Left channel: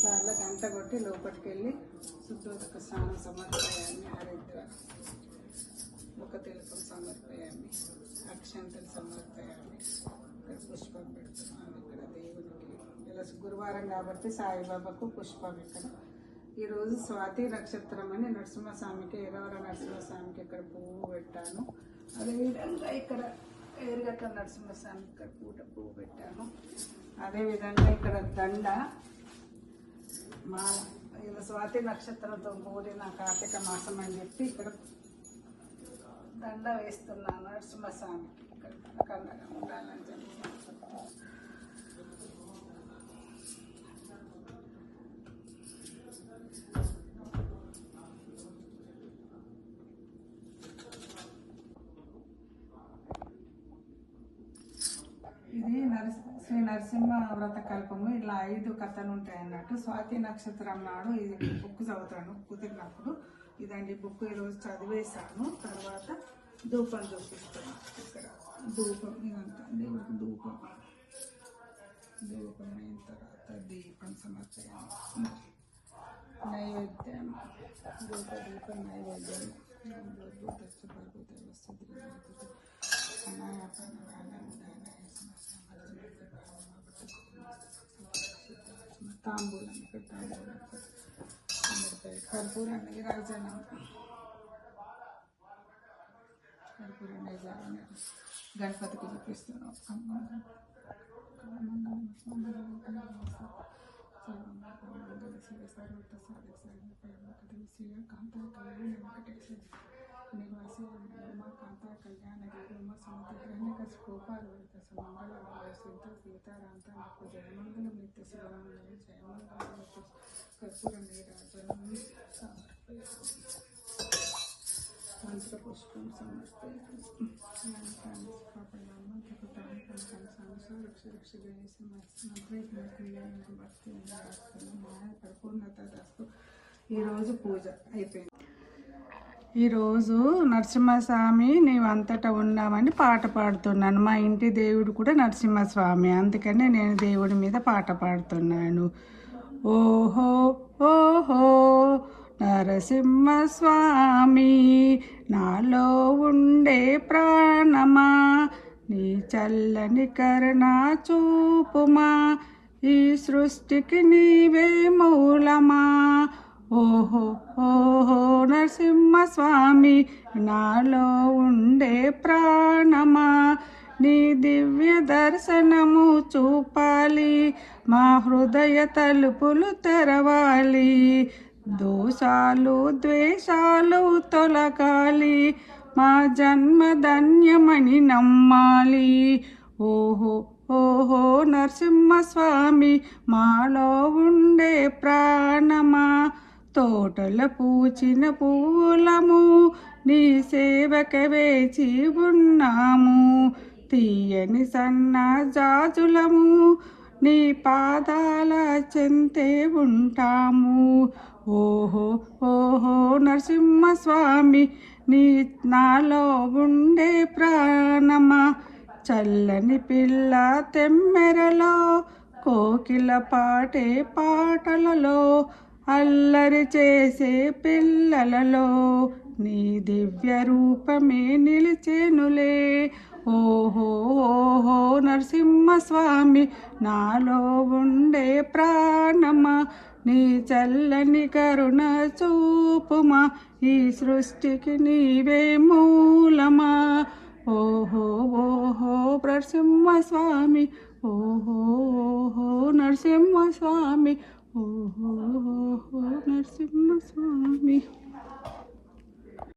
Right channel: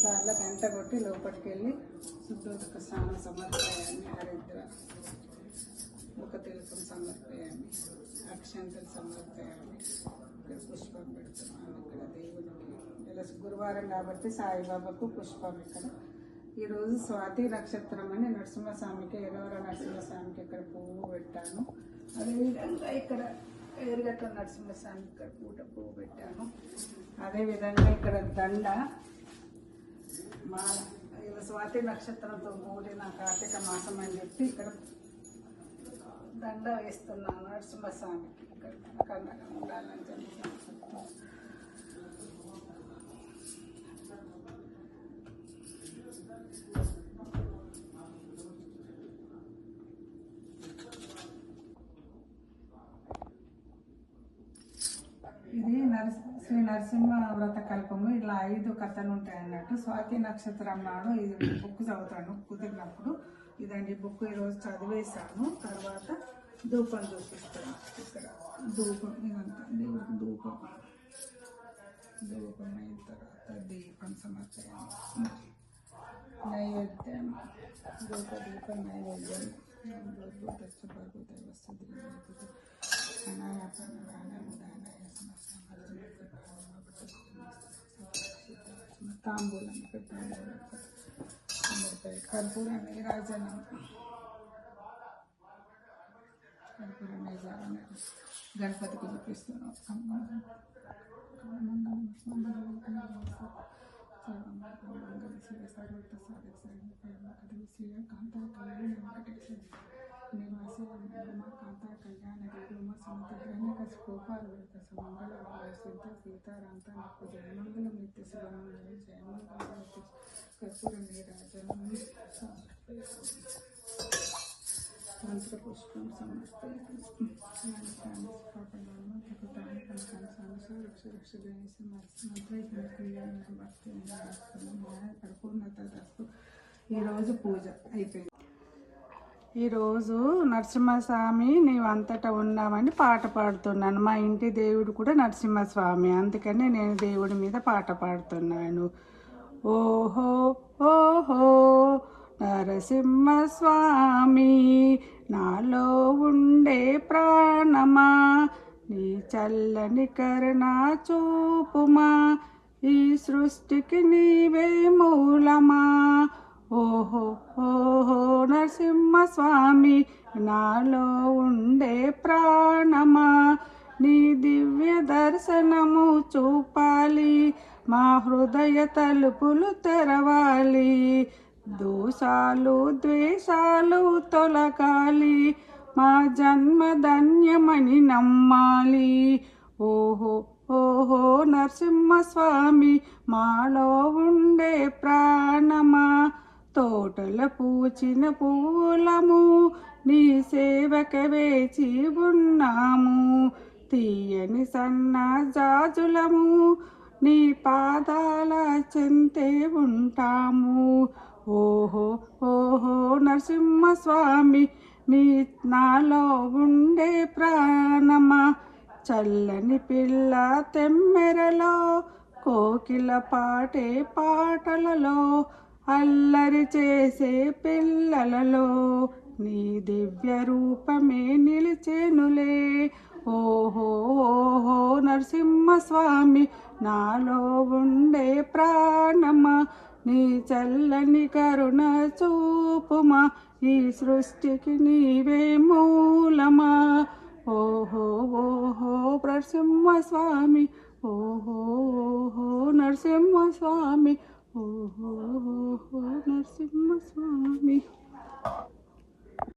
సార్లు గంట కొట్టి లోపలికి వెళ్ళి శుద్ధోదక స్నానం సమర్పయాన్ని హరిద్ర ముఖ తిలకం సమర్పయాన్ని అక్షంతలు సమర్పయాన్ని ఇక్కడ పుష్పం పెడుతున్నాను. ఇక్కడ దేవునికి ఇలా గురువారం కాబట్టి సాయిబాబాకు పుష్పం ఇక్కడ. ఈరోజు స్వాతి నక్షత్రం అని నరసింహస్వామికి ఎరవర నరసింహస్వామికి ఇక్కడ పువ్వు పెట్టాను. అదేవిధంగా ఇక్కడ ఎరుగట్ల నరసింహస్వామికి ఇక్కడ పువ్వు పెట్టాను. అదేవిధంగా ఇక్కడ దండ మా స్వాతి నక్షత్రంతో కూడిన కార్తీక మాసం అని చెప్పి ఇక్కడ దండ వేస్తున్నాను నరసింహస్వామికి. ఇక్కడ కన్నగా ఉండాలని చెప్పి ఇది శ్రీ నరసింహ వ్రత కల్పము. ఇలా 5 కథలు ఉంటాయి అన్నట్టు. స్వాతి నక్షత్రం నాడు ఇది బుక్ చదువుతాను కుదిరినప్పుడు. ఇదండి బుక్ ఈరోజు చదివేశాను. తర్వాత ధూపం చూపిస్తాను. ఇక్కడ ధూపం ఇదంతా దేవుడికి ధూపం అయిన తర్వాత దీపం సమర్పయాన్ని నైవేద్యం దీపం నైవేద్యం తాంబూలం కర్పూర నీరాజనం గణపతికి చూపిస్తున్నాం. సీతారాంత నాకు జయమంగళం నిత్య శుభమంగళం జయమంగళం కర్పూర నీరాజనం మంత్రపుష్పం సమర్పయామి. ఈరోజు పూజ అయిపోయింది. ఈరోజు నరసింహస్వామి నీవంతటా ఉన్నామని పాట పాడుతున్నాను. మా ఇంటి దేవుడు కూడా నరసింహస్వామి, అందుకనే నేను దేవుడి మీద పాట పాడుతున్నాను. ఓహో ఓహో నరసింహస్వామి నాలో ఉండే ప్రాణమా, నీ చల్లని కరుణ చూపుమా, ఈ సృష్టికి నీవే మూలమా. ఓహో ఓహో నరసింహస్వామి నాలో ఉండే ప్రాణమా, నీ దివ్య దర్శనము చూపాలి, మా హృదయ తలుపులు తెరవాలి, దోషాలు ద్వేషాలు తొలగాలి, మా జన్మ ధన్యమని నమ్మాలి. ఓహో ఓహో నరసింహస్వామి మాలో ఉండే ప్రాణమా, తోటల పూచిన పూలము నీ సేవక వేచి ఉన్నాము, తీయని సన్న జాజులము నీ పాదాల చెంతే ఉంటాము. ఓహో ఓహో నరసింహస్వామి నీ నాలో ఉండే ప్రాణమా, చల్లని పిల్ల తెమ్మెరలో కోకిల పాటే పాటలలో, అల్లరి చేసే పిల్లలలో నీ దివ్య రూపమే నిలిచెనులే. ఓహో ఓహో నరసింహస్వామి నాలో ఉండే ప్రాణమా, నీ చల్లని కరుణ చూపుమా, ఈ సృష్టికి నీవే మూలమా. ఓహో ఓహో నరసింహస్వామి, ఓహో ఓహో నరసింహస్వామి, ఓహో ఓహో నరసింహ